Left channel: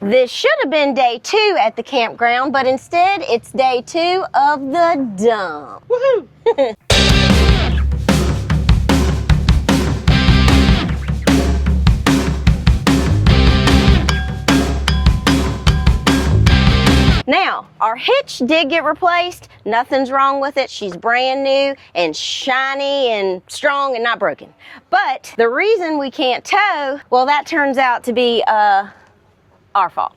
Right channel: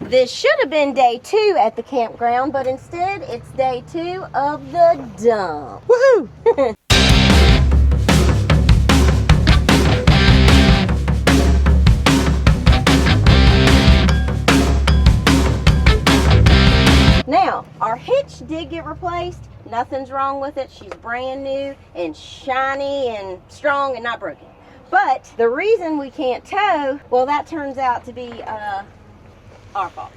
This should have been day 2 at the campground, but instead it's day 2 of the dump. Woohoo! Now, our hitch did get replaced. Nothing's wrong with it. She's brand new and shiny and strong and not broken. But the reason we can't tow, well, that turns out to be our fault.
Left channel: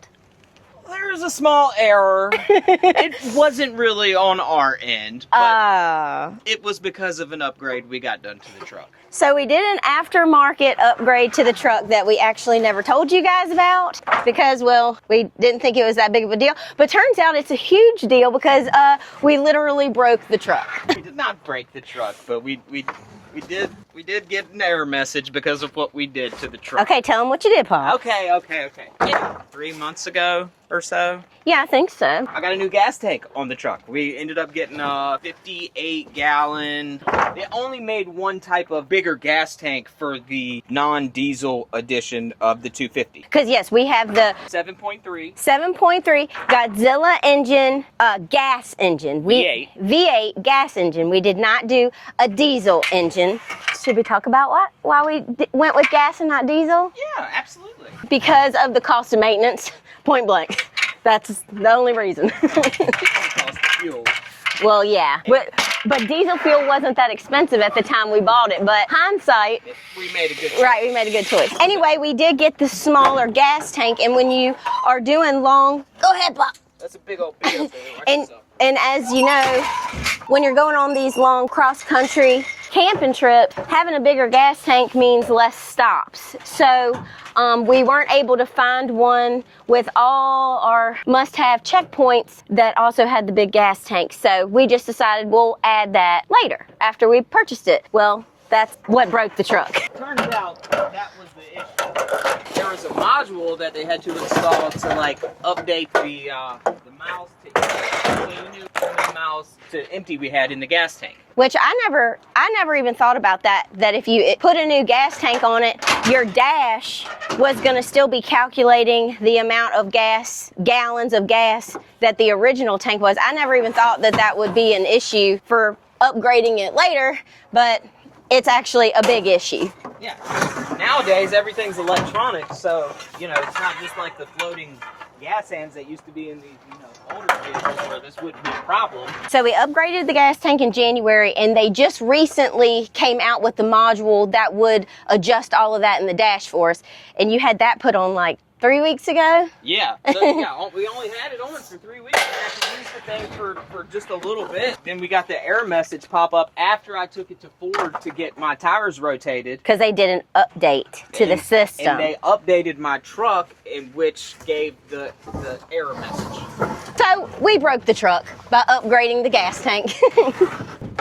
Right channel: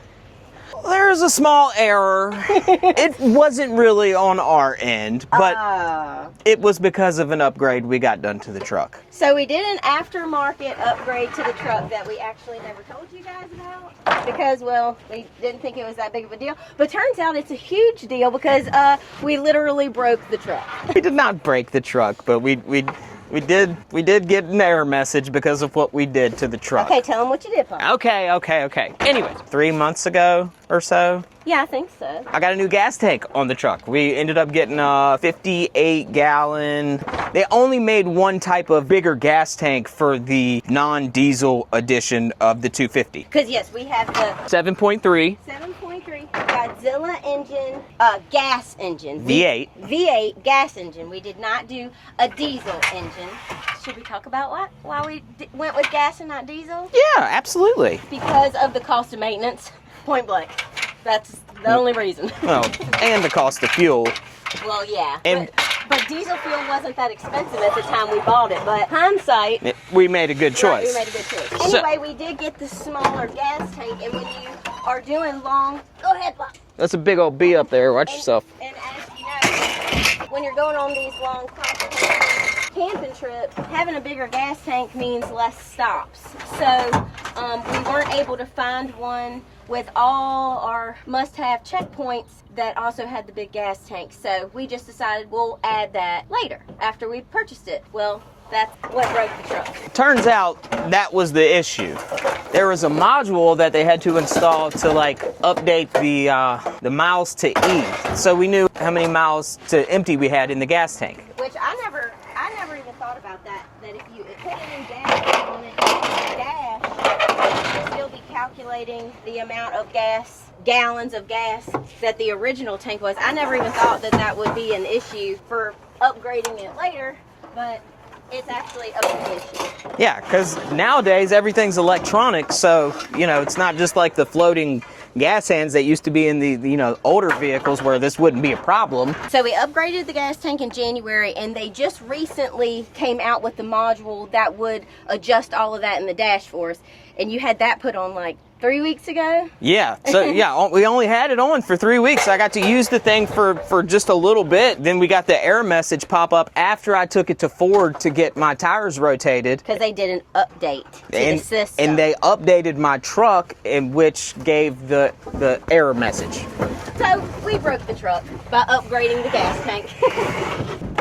There's a small error. It wasn't really on our end, but it was because of an upgrade we got done to the truck. So we did an aftermarket upgrade to the truck that we actually never told you guys about because, well, we didn't think it was that big of a deal. But turns out it's a huge deal because we literally broke the truck. We did not break the truck, but we did get an error message because of what we did to the truck. Okay, tell them what you did, Paul. Okay. Anyway, 3 months ago or so, Yeah, I think so. I got a new gas tank on the truck. We ended up getting a 58-gallon. They only made one type of bigger gas tank for the non-diesel edition of the 250. Because, yes, we have the 7.3. 7.3 Godzilla engine, gas engine. V8 gas engine. We did not do a diesel engine. Should we talk about why we went with gas and not diesel? Yeah, absolutely. Because of the cost of maintenance. Point blank. That's the only reason. Oh, and the cost of fuel. Well, yeah. And but diesel fuel wasn't that expensive at the time we bought it. But hindsight, we made a good choice. Right, we made a good choice. Anyway, we did get the smaller gas tank, and when you are doing long, go ahead, Pop. That's a big old bee up there. Watch yourself. And as you know, when you're going on these long cross-country camping trips, having a bigger gas tank means less stops. So we weren't able to find one with all our must-have checkpoints that also had the big gas tank. So we just decided we'll add that later after we purchased it. Well, that's what broke the truck. Turns out that was the issue. There was a module that they had to install to update the miles to E. So we knew how many miles to empty we had in the gas tank. Which I never even thought about that if you put a new gas tank on it, your dash was gonna still be calculating the amount of gas, gallons of gas that the original tank was. I never even thought that would be an issue for upgrading it later, but it's actually a big issue. Yeah, because nowadays everything's electronic, so it's not just like the floating gas hands that used to be in the older vehicles where this wouldn't be a problem. So we upgraded the gas tank in January, and they just recently came out with the module that would adjust all of that in the dash for us. And you had that put on 3 weeks ago? Yeah, so yeah, we only had it on for 3 weeks. I got to use the thing for just a little bit. Then we got the error message pop up after I took it to Ford to get my tires rotated. Because they did an update to the system. And they updated my truck, in which gave the error message. So we broke the truck by upgrading the gas tank.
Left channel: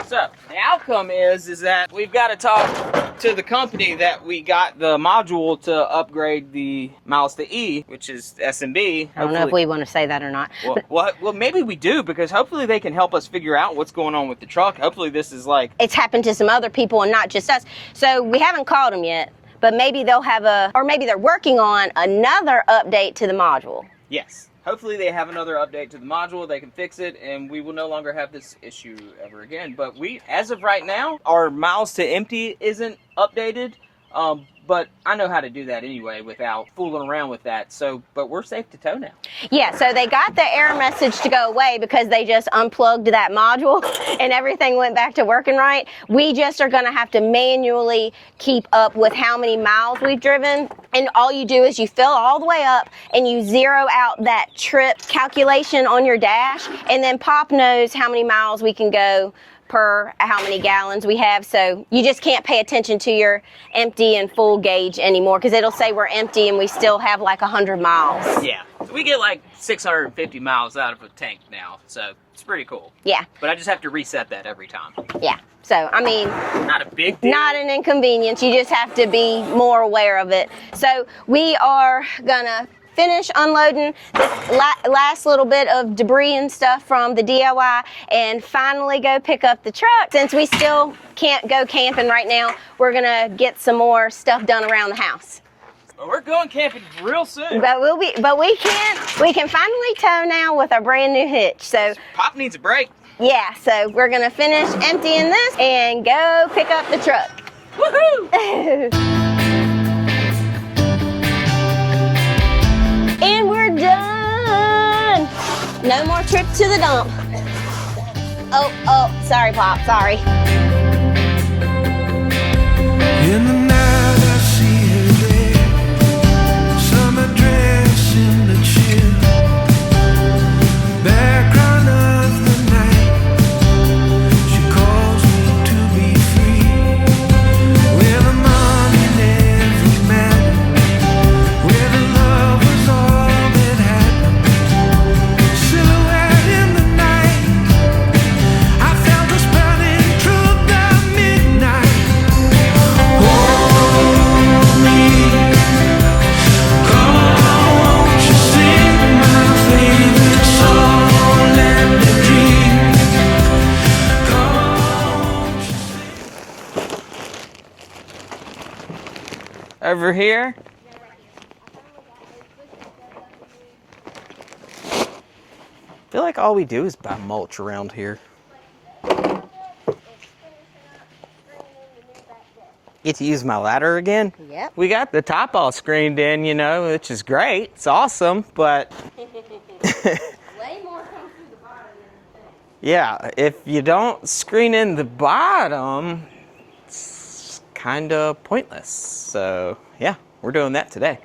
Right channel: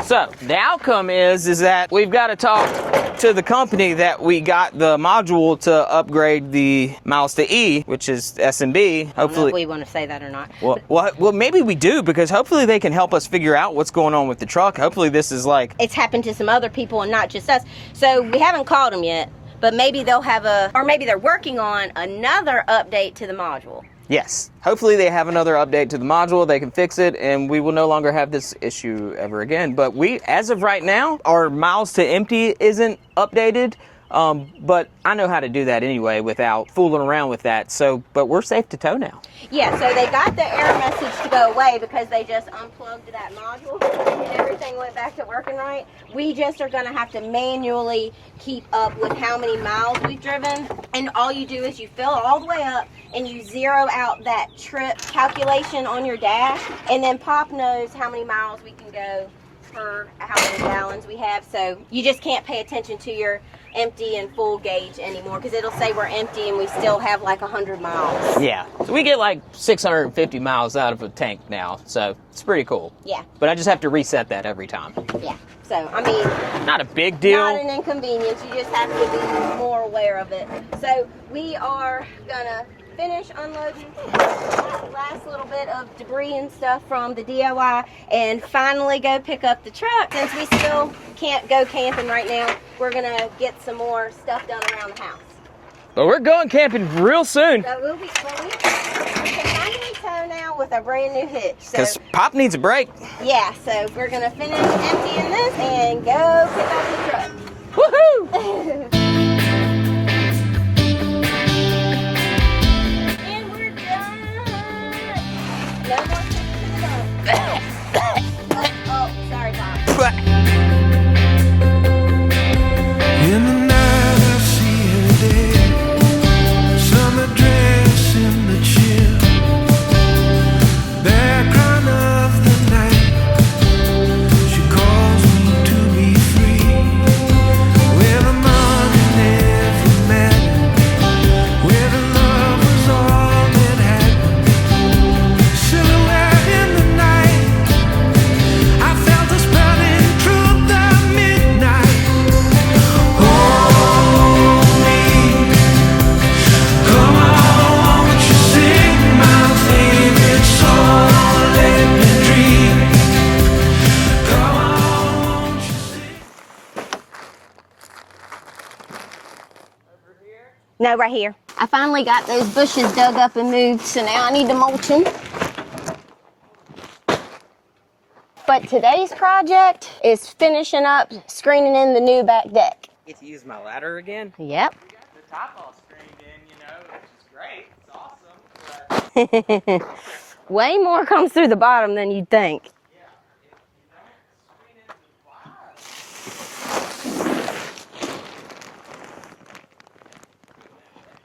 So the outcome is that we've got to talk to the company that we got the module to upgrade the miles to E, which is S&B. I don't know if we want to say that or not. Well, maybe we do, because hopefully they can help us figure out what's going on with the truck. Hopefully this is it's happened to some other people and not just us. So we haven't called them yet, but maybe they'll have or maybe they're working on another update to the module. Yes. Hopefully they have another update to the module, they can fix it, and we will no longer have this issue ever again. But as of right now, our miles to empty isn't updated. But I know how to do that anyway without fooling around with that. But we're safe to tow now. Yeah, so they got the error message to go away because they just unplugged that module and everything went back to working right. We just are gonna have to manually keep up with how many miles we've driven. And all you do is you fill all the way up and you zero out that trip calculation on your dash, and then Pop knows how many miles we can go per how many gallons we have. So you just can't pay attention to your empty and full gauge anymore, because it'll say we're empty and we still have 100 miles. Yeah, so we get 650 miles out of a tank now, so it's pretty cool. Yeah. But I just have to reset that every time. Yeah, so I mean, not a big deal. Not an inconvenience, you just have to be more aware of it. So we are gonna finish unloading this last little bit of debris and stuff from the DIY and finally go pick up the truck. Since we still can't go camping right now, we're gonna get some more stuff done around the house. But we're going camping real soon. But we can finally tow now with our brand new hitch. So Because Pop needs a break. yeah, so we're gonna finish emptying this and go pick up the truck. Woohoo! And we're done. No more trip to the dump. Oh, sorry, Pop. Sorry. In the night I see her there, summer dress in the chill, background of the night, she calls me to be free, where the money never mattered, where the love was all that happened, silhouette in the night, I felt us burning through the midnight. Over here. No, right here. I finally got those bushes dug up and moved, so now I need to mulch them. I feel like all we do is buy mulch around here. But today's project is finishing up screening in the new back deck. Get to use my ladder again. Yep. We got the top all screened in, you know, which is great. It's awesome, but Way more comes through the bottom than you'd think. yeah, if you don't screen in the bottom, it's kind of pointless. So yeah, we're doing that today.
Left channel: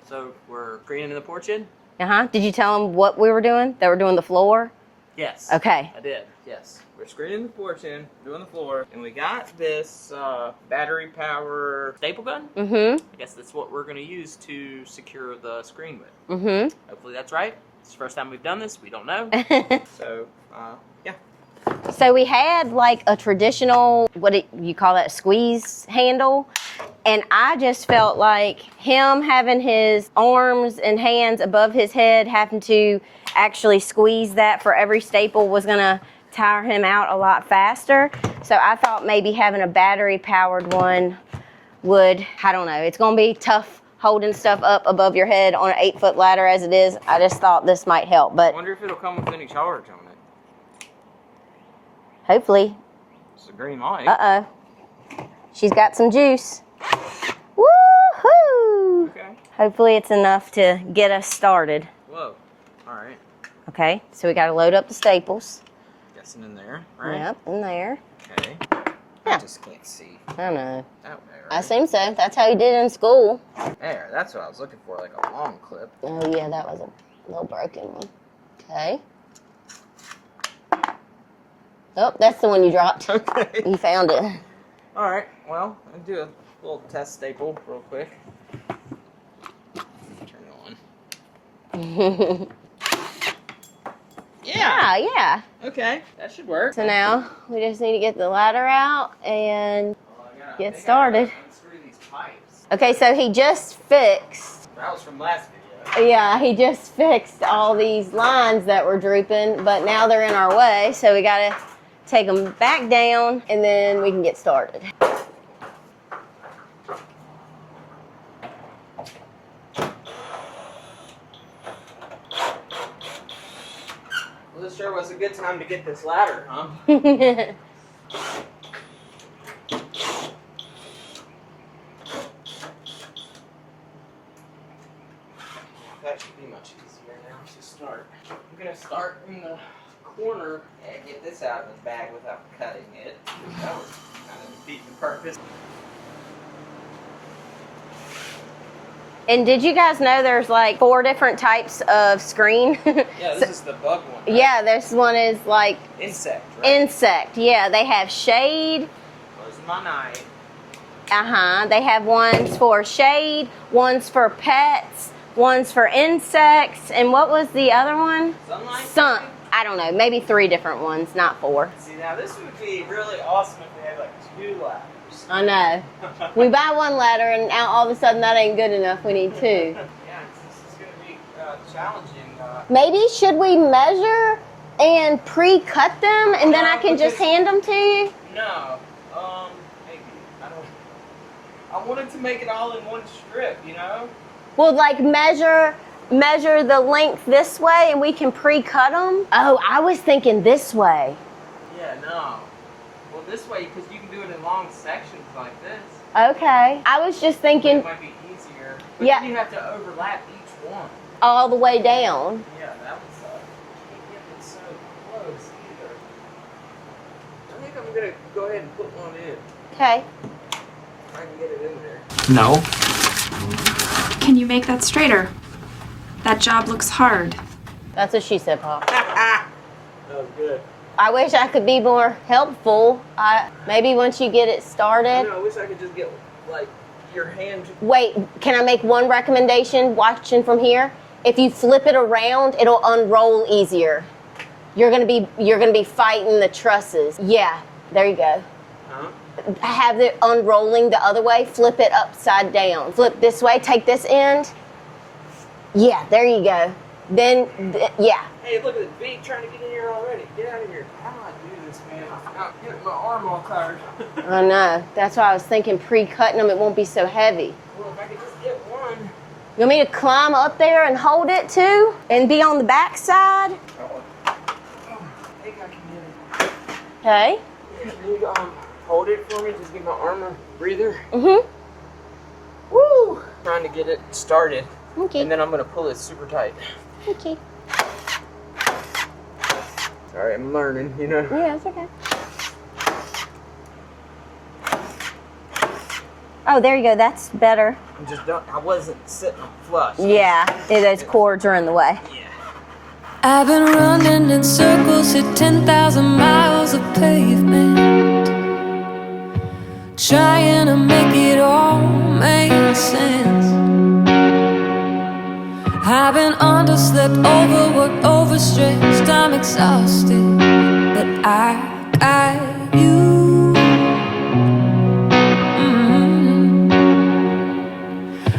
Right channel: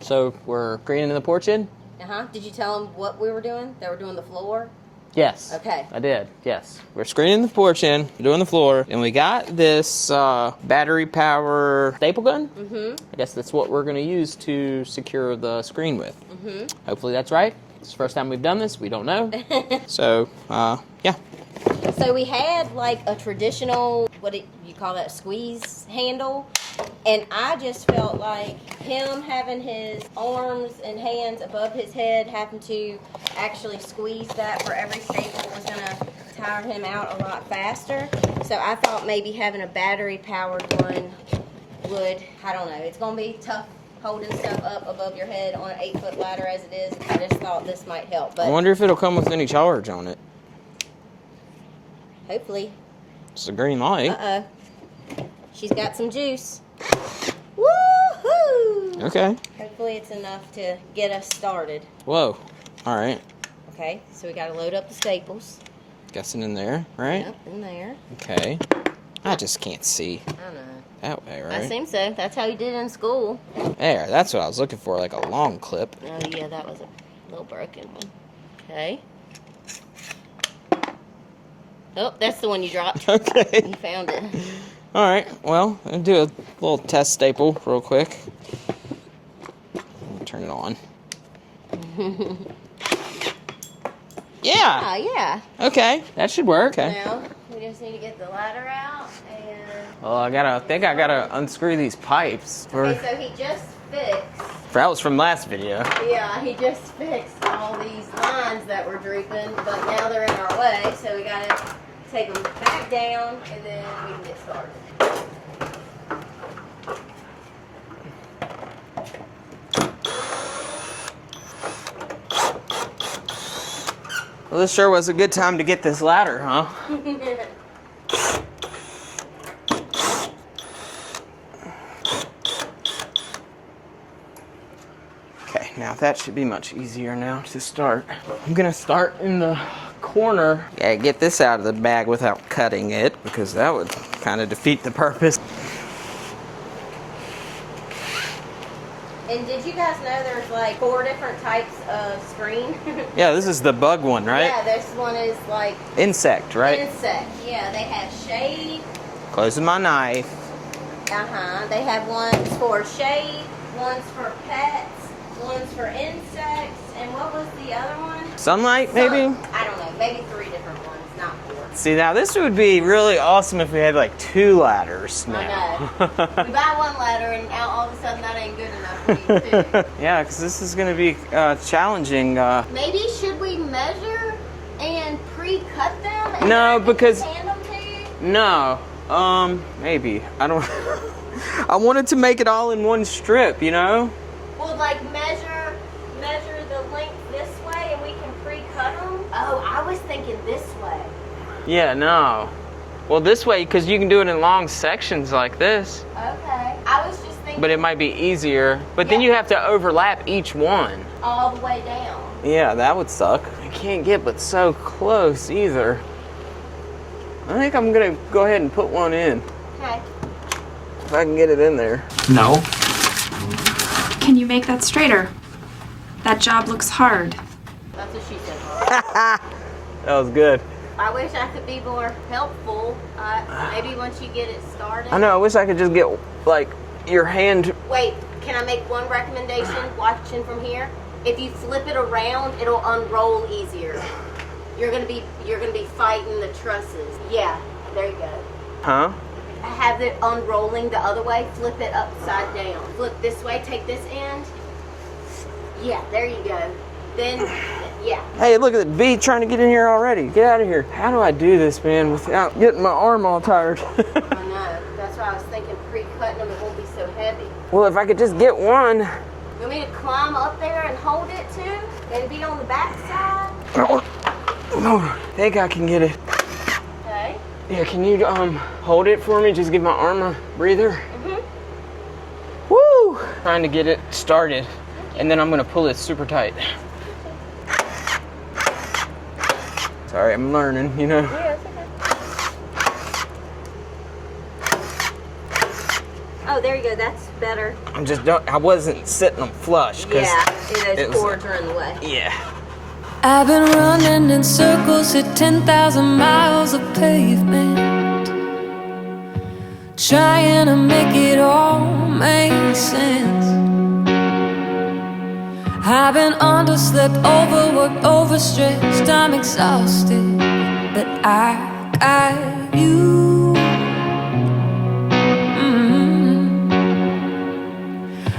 So we're screening the porch in? Did you tell them what we were doing? That we're doing the floor? Yes. Okay. I did, yes. We're screening the porch in, we're doing the floor, and we got this battery power staple gun. Mm-hmm. I guess that's what we're gonna use to secure the screen with. Mm-hmm. Hopefully that's right. It's the first time we've done this, we don't know. So, yeah. So we had like a traditional, you call that, squeeze handle? And I just felt like him having his arms and hands above his head, having to actually squeeze that for every staple was gonna tire him out a lot faster. So I thought maybe having a battery powered one would, I don't know, it's gonna be tough holding stuff up above your head on an 8-foot ladder as it is. I just thought this might help, I but wonder if it'll come with any charge on it. hopefully. It's a green light. Uh-oh. She's got some juice. Woohoo! Okay. Hopefully it's enough to get us started. Whoa. All right. Okay, so we gotta load up the staples. Guessing in there, right? Yep, in there. Okay. I just can't see. I know. That way, right? I assume so. That's how you did it in school. There, that's what I was looking for, like a long clip. Oh yeah, that was a little broken one. Okay. Oh, that's the one you dropped. Okay. You found it. All right, well, I'll do a little test staple real quick. Turn it on. Yeah. Yeah. Okay, that should work. So now we just need to get the ladder out and. Well, I gotta Get I gotta started. unscrew these pipes. Okay, so he just fixed. That was from last video. Yeah, he just fixed all these lines that were drooping, but now they're in our way, so we gotta take them back down and then we can get started. Well, this sure was a good time to get this ladder, huh? Okay, now that should be much easier now to start. I'm gonna start in the corner. Yeah, get this out of the bag without cutting it, because that would kind of defeat the purpose. And did you guys know there's like 4 different types of screen? Yeah, this is the bug one, right? Yeah, this one is like Insect, right? insect. Yeah, they have shade. Closing my knife. They have ones for shade, ones for pets, one's for insects, and what was the other one? Sunlight, maybe? I don't know, maybe 3 different ones, not 4. See, now this would be really awesome if we had like 2 ladders. I know. We buy 1 ladder and now all of a sudden that ain't good enough. We need 2. Yeah, because this is going to be challenging. Maybe should we measure and pre-cut them and then No, I can because- just hand them to you? No, maybe. I don't. I wanted to make it all in one strip, you know? Well, like measure the length this way and we can pre-cut them. Oh, I was thinking this way. Yeah, no. Well, this way, because you can do it in long sections like this. Okay. I was just thinking. But it might be easier. But then you have to overlap each one. All the way down. Yeah, that would suck. I can't get but so close either. I think I'm gonna go ahead and put one in. Okay. If I can get it in there. No. Can you make that straighter? That job looks hard. That's what she said, Paul. That was good. I wish I could be more helpful. Maybe once you get it started. I know, I wish I could just get, like, your hand. Wait, can I make one recommendation watching from here? If you flip it around, it'll unroll easier. You're gonna be fighting the trusses. Yeah, there you go. Huh? Have it unrolling the other way, flip it upside down. Flip this way, take this end. Yeah, there you go. Then, yeah. Hey, look at the bee trying to get in here already. Get out of here. How do I do this, man, without getting my arm all tired? I know. That's why I was thinking pre-cutting them, it won't be so heavy. Well, if I could just get one. You want me to climb up there and hold it too? And be on the back side? Oh, I think I can get it. Okay. Yeah, can you hold it for me? Just give my arm a breather. Mm-hmm. Woo! Trying to get it started. Okay. And then I'm gonna pull it super tight. Okay. Sorry, I'm learning, you know. Yeah, it's okay. Oh, there you go. That's better. I wasn't sitting them flush. Those cords are in the way. Yeah. I've been running in circles at 10,000 miles of pavement, trying to make it all make sense. I've been underslept, overworked, overstretched, I'm exhausted, but I got you.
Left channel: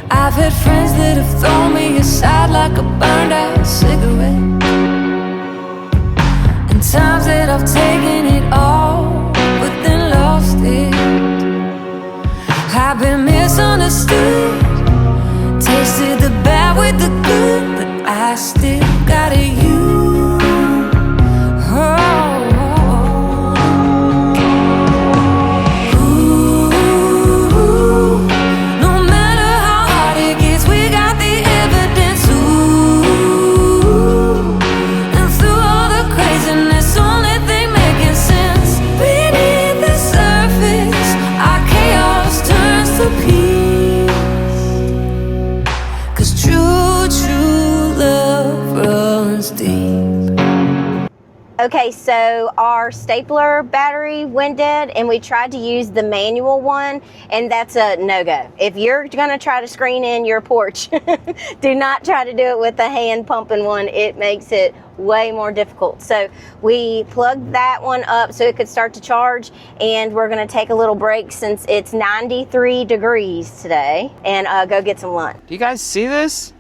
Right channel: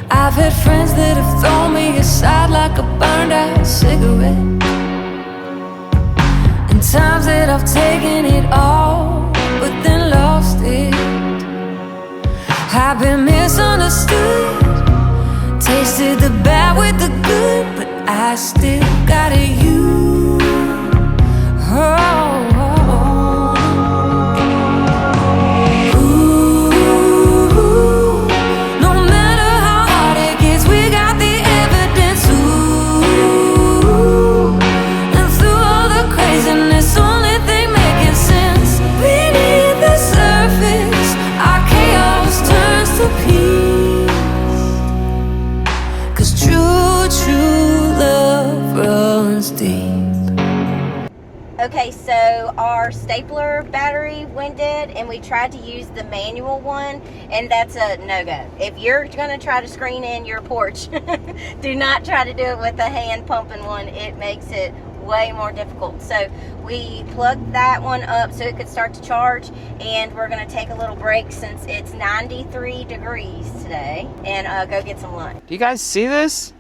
I've had friends that have thrown me aside like a burned out cigarette, and times that I've taken it all but then lost it. I've been misunderstood, tasted the bad with the good, but I still got you. Oh, ooh, no matter how hard it gets, we got the evidence. Ooh, and through all the craziness, only thing making sense. Beneath the surface, our chaos turns to peace. 'Cause true love runs deep. Okay, so our stapler battery went dead and we tried to use the manual one, and that's a no-go. If you're gonna try to screen in your porch, do not try to do it with the hand pumping one. It makes it way more difficult. So we plugged that one up so it could start to charge, and we're gonna take a little break since it's 93 degrees today and go get some lunch. Do you guys see this?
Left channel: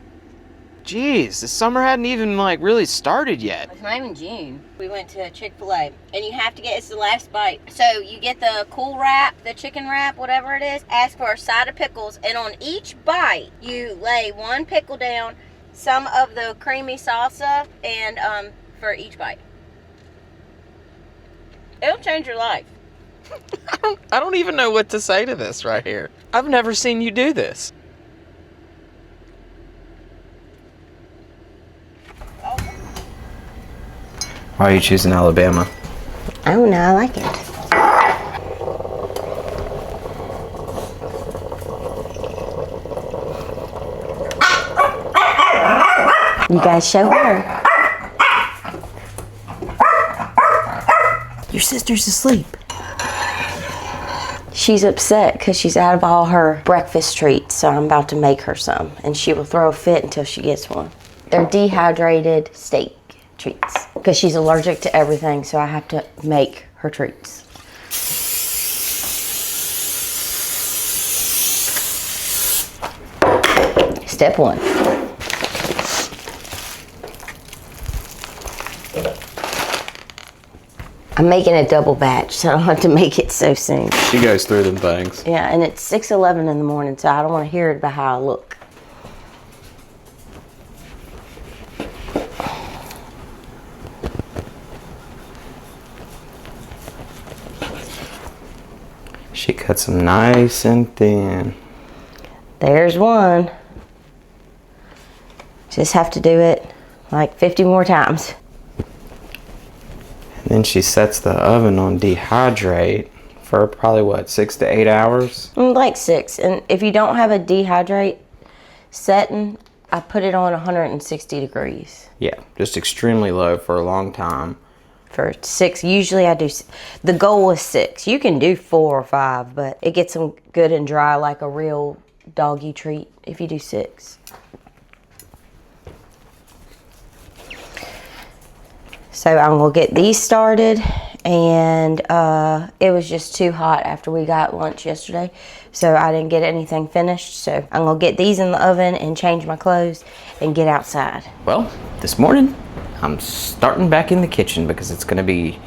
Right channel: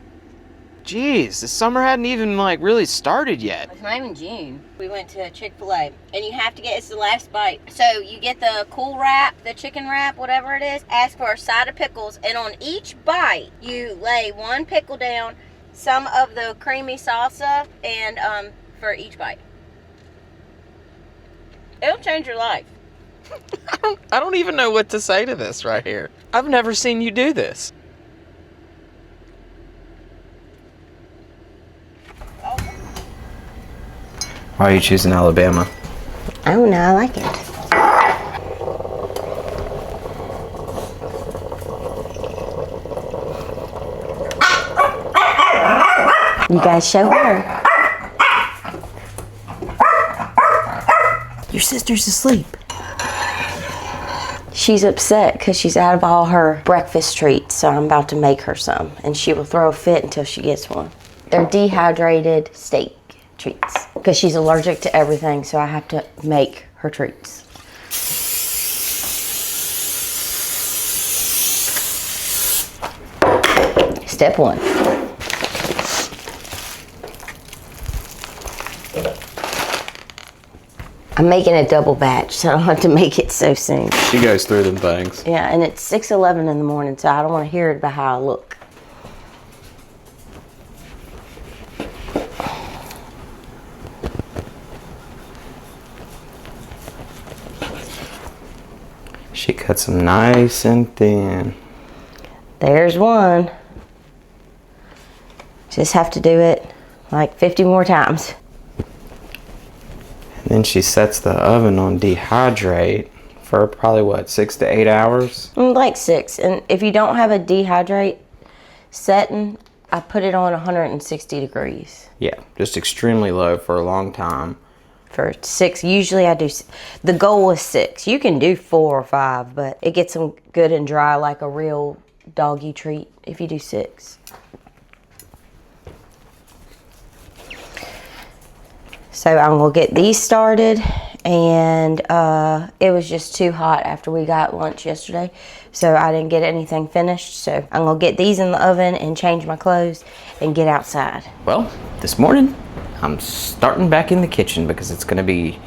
Jeez, the summer hadn't even really started yet. It's not even June. We went to Chick-fil-A, and you have to get, it's the last bite. So you get the cool wrap, the chicken wrap, whatever it is, ask for a side of pickles, and on each bite, you lay one pickle down, some of the creamy salsa, and for each bite. It'll change your life. I don't even know what to say to this right here. I've never seen you do this. Why are you choosing Alabama? Oh no, I like it. You guys show her. Your sister's asleep. She's upset because she's out of all her breakfast treats, so I'm about to make her some, and she will throw a fit until she gets one. They're dehydrated steak treats because she's allergic to everything, so I have to make her treats. Step one. I'm making a double batch, so I don't have to make it so soon. She goes through them things. Yeah, and it's 6:11 in the morning, so I don't want to hear it about how I look. She cuts them nice and thin. There's one. Just have to do it like 50 more times. And then she sets the oven on dehydrate for probably what, 6 to 8 hours? Like 6. And if you don't have a dehydrate setting, I put it on 160 degrees. Yeah, just extremely low for a long time. For 6, usually I do, the goal is 6. You can do 4 or 5, but it gets them good and dry like a real doggy treat if you do 6. So I'm gonna get these started, and it was just too hot after we got lunch yesterday, so I didn't get anything finished. So I'm gonna get these in the oven and change my clothes and get outside. Well, this morning I'm starting back in the kitchen because it's gonna be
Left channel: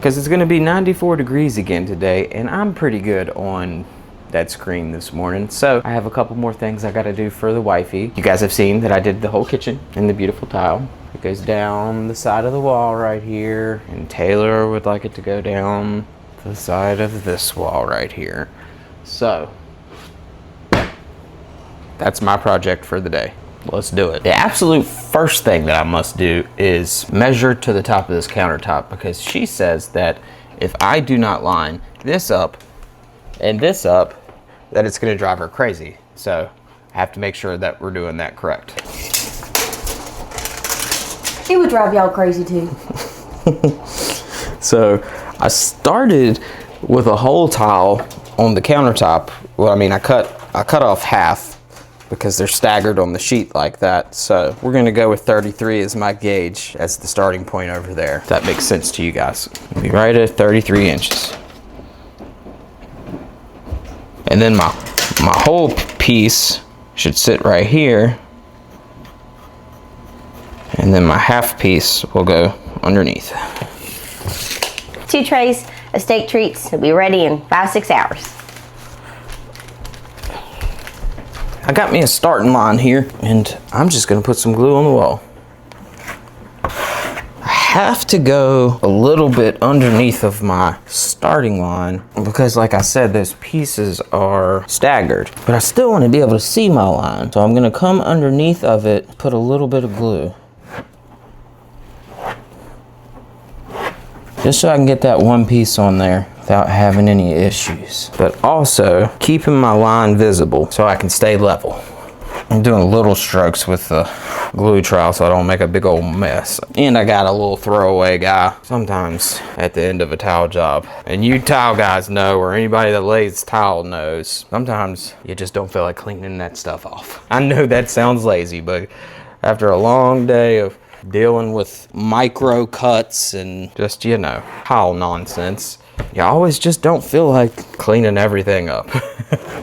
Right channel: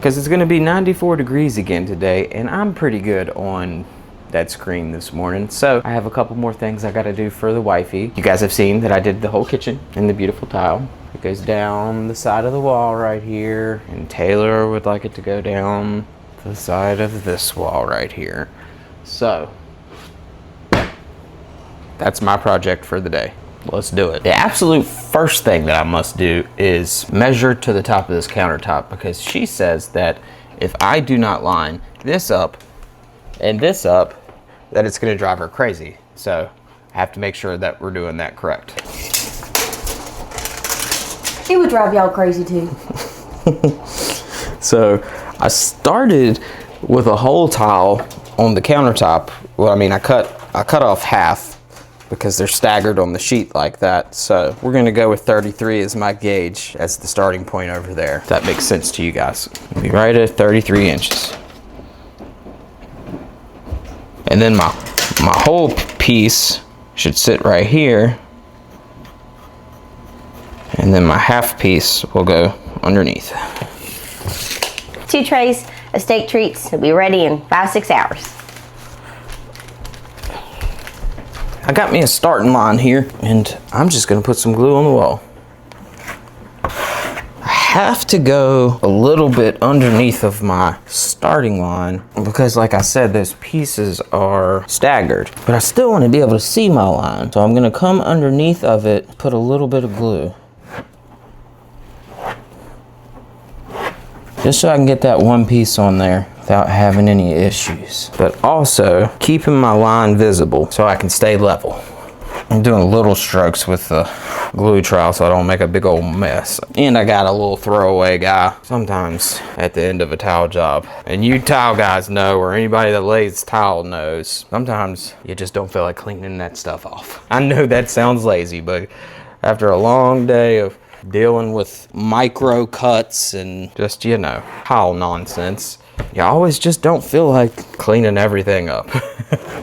94 degrees again today, and I'm pretty good on that screen this morning. So I have a couple more things I gotta do for the wifey. You guys have seen that I did the whole kitchen in the beautiful tile. It goes down the side of the wall right here, and Taylor would like it to go down the side of this wall right here. So that's my project for the day. Let's do it. The absolute first thing that I must do is measure to the top of this countertop, because she says that if I do not line this up and this up, that it's gonna drive her crazy. So I have to make sure that we're doing that correct. It would drive y'all crazy too. So I started with a whole tile on the countertop. Well, I mean, I cut off half because they're staggered on the sheet like that. So we're gonna go with 33 as my gauge as the starting point over there. If that makes sense to you guys. Be right at 33 inches. And then my whole piece should sit right here. And then my half piece will go underneath. 2 trays of steak treats will be ready in 5-6 hours. I got me a starting line here, and I'm just gonna put some glue on the wall. I have to go a little bit underneath of my starting line because, like I said, those pieces are staggered, but I still want to be able to see my line. So I'm gonna come underneath of it, put a little bit of glue, just so I can get that one piece on there without having any issues, but also keeping my line visible so I can stay level. I'm doing little strokes with the glue trowel so I don't make a big old mess. And I got a little throwaway guy sometimes at the end of a tile job. And you tile guys know, or anybody that lays tile knows, sometimes you just don't feel like cleaning that stuff off. I know that sounds lazy, but after a long day of dealing with micro cuts and just, you know, tile nonsense, you always just don't feel like cleaning everything up.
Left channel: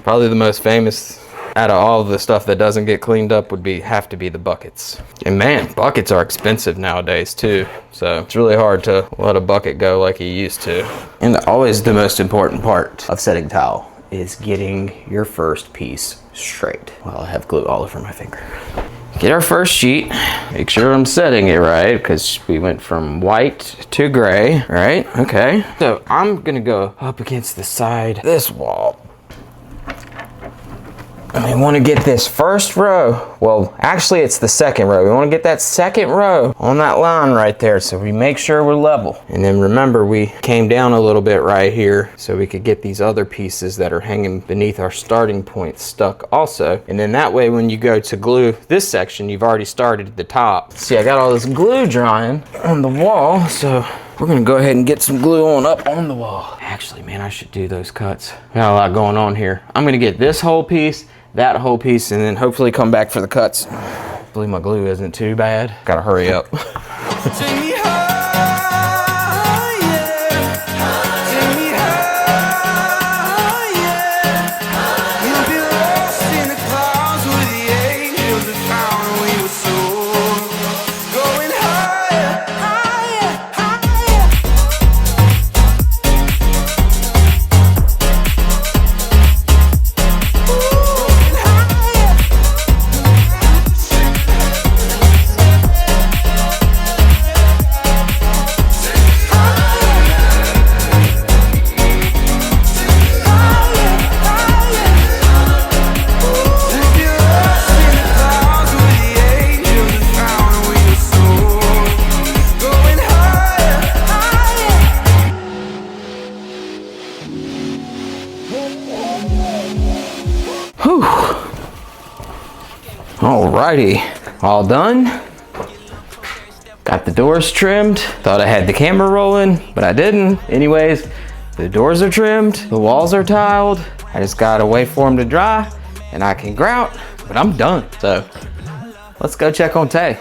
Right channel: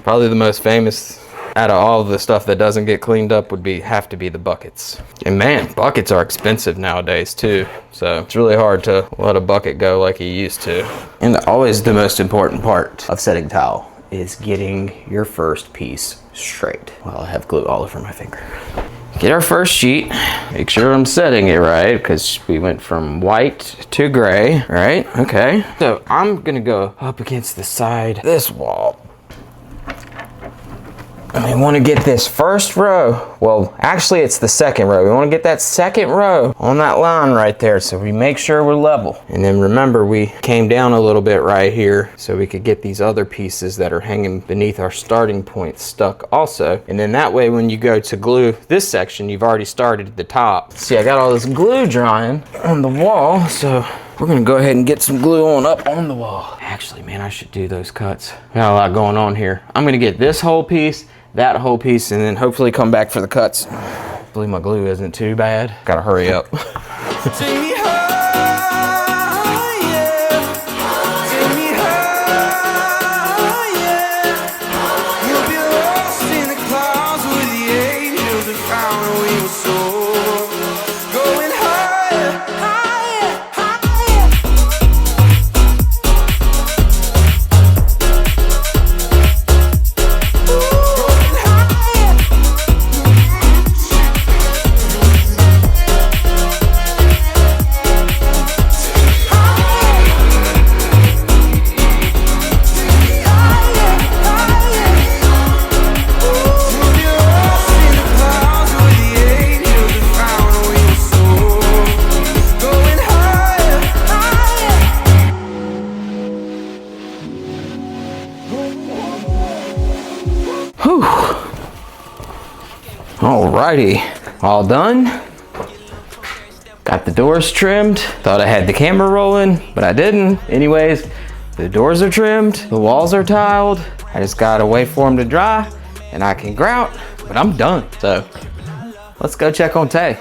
Probably the most famous out of all the stuff that doesn't get cleaned up would have to be the buckets. And man, buckets are expensive nowadays too. So it's really hard to let a bucket go like you used to. And always the most important part of setting tile is getting your first piece straight. Well, I have glue all over my finger. Get our first sheet, make sure I'm setting it right, because we went from white to gray, right? Okay. So I'm gonna go up against the side of this wall. And we want to get this first row, well, actually it's the second row. We want to get that second row on that line right there, so we make sure we're level. And then remember, we came down a little bit right here so we could get these other pieces that are hanging beneath our starting point stuck also. And then that way when you go to glue this section, you've already started at the top. See, I got all this glue drying on the wall, so we're gonna go ahead and get some glue on up on the wall. Actually, man, I should do those cuts. Got a lot going on here. I'm gonna get this whole piece, that whole piece, and then hopefully come back for the cuts. Hopefully my glue isn't too bad. Gotta hurry up. Take me high, yeah. Take me high, yeah. We'll be lost in the clouds where the angels have found we were soar. Going higher, higher, higher. Alrighty, all done. Got the doors trimmed. Thought I had the camera rolling, but I didn't. Anyways, the doors are trimmed, the walls are tiled. I just gotta wait for them to dry and I can grout, but I'm done. So let's go check on Tay.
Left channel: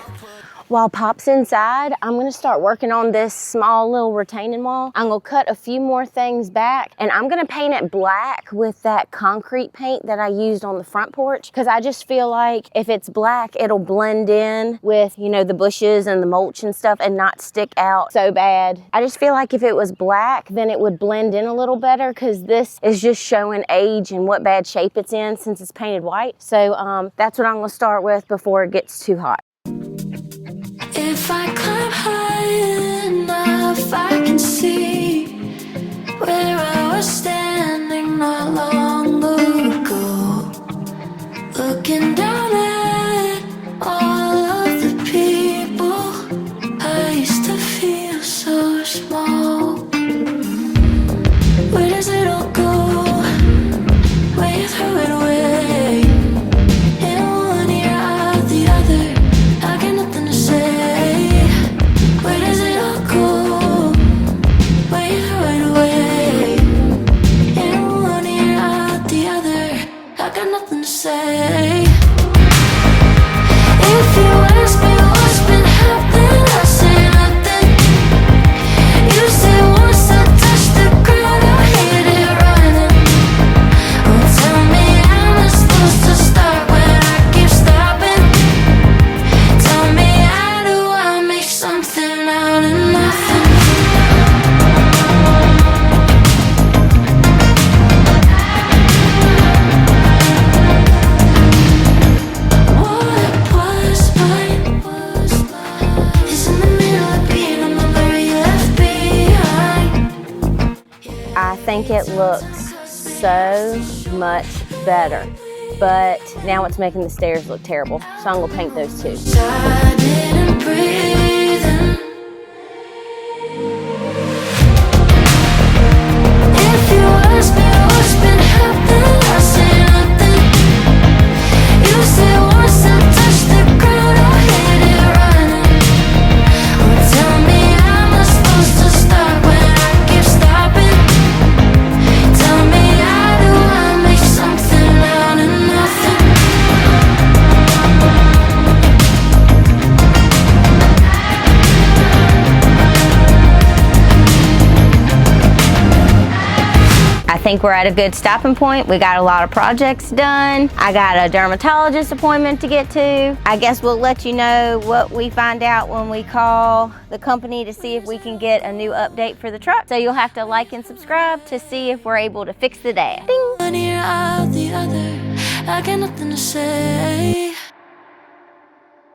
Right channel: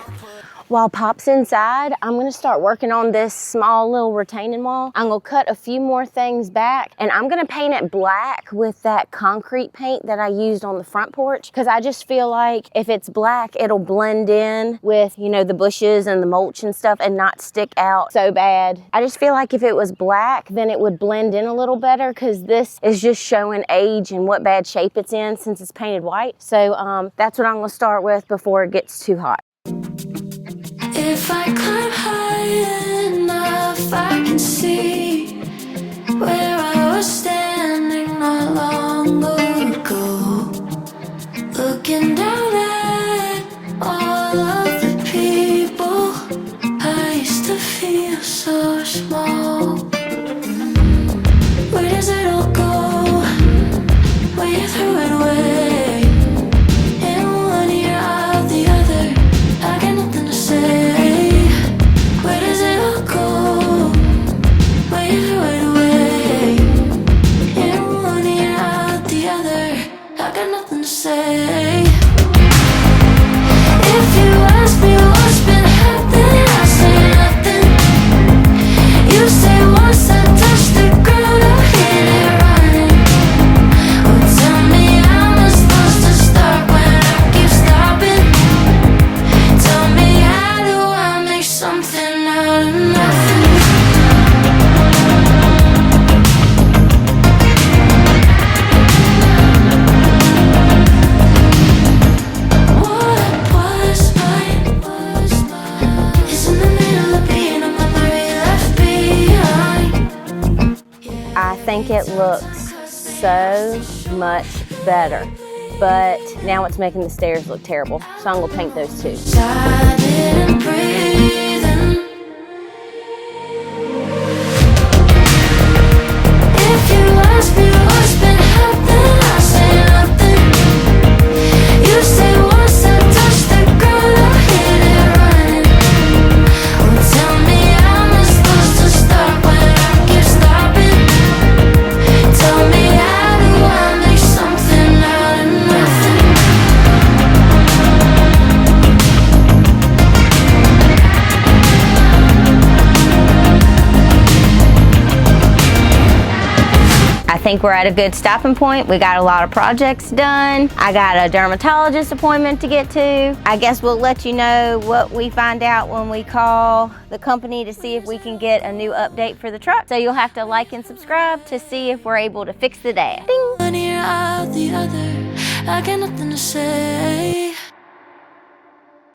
While Pop's inside, I'm gonna start working on this small little retaining wall. I'm gonna cut a few more things back, and I'm gonna paint it black with that concrete paint that I used on the front porch, because I just feel like if it's black, it'll blend in with, you know, the bushes and the mulch and stuff and not stick out so bad. I just feel like if it was black, then it would blend in a little better, because this is just showing age and what bad shape it's in since it's painted white. So that's what I'm gonna start with before it gets too hot. If I climb high enough, I can see where I was standing not long ago, looking down at all of the people. I used to feel so small. Where does it all go? When you threw it away, in one ear out the other, I got nothing to say. Say, if you ask me what's been happening, I say nothing. You say once I touch the ground, I'll hit it running. Well, tell me, how am I supposed to start when I keep stopping? Tell me, how do I make something out of nothing? I think it looks so much better, but now it's making the stairs look terrible. So I'm gonna paint those too. I didn't breathe in. If you ask me what's been happening, I say nothing. You say once I touch the ground, I'll hit it running. Well, tell me, how am I supposed to start when I keep stopping? Tell me, how do I make something out of nothing? I think we're at a good stopping point. We got a lot of projects done. I got a dermatologist appointment to get to. I guess we'll let you know what we find out when we call the company to see if we can get a new update for the truck. So you'll have to like and subscribe to see if we're able to fix the dash. Ding. One ear out the other, I got nothing to say.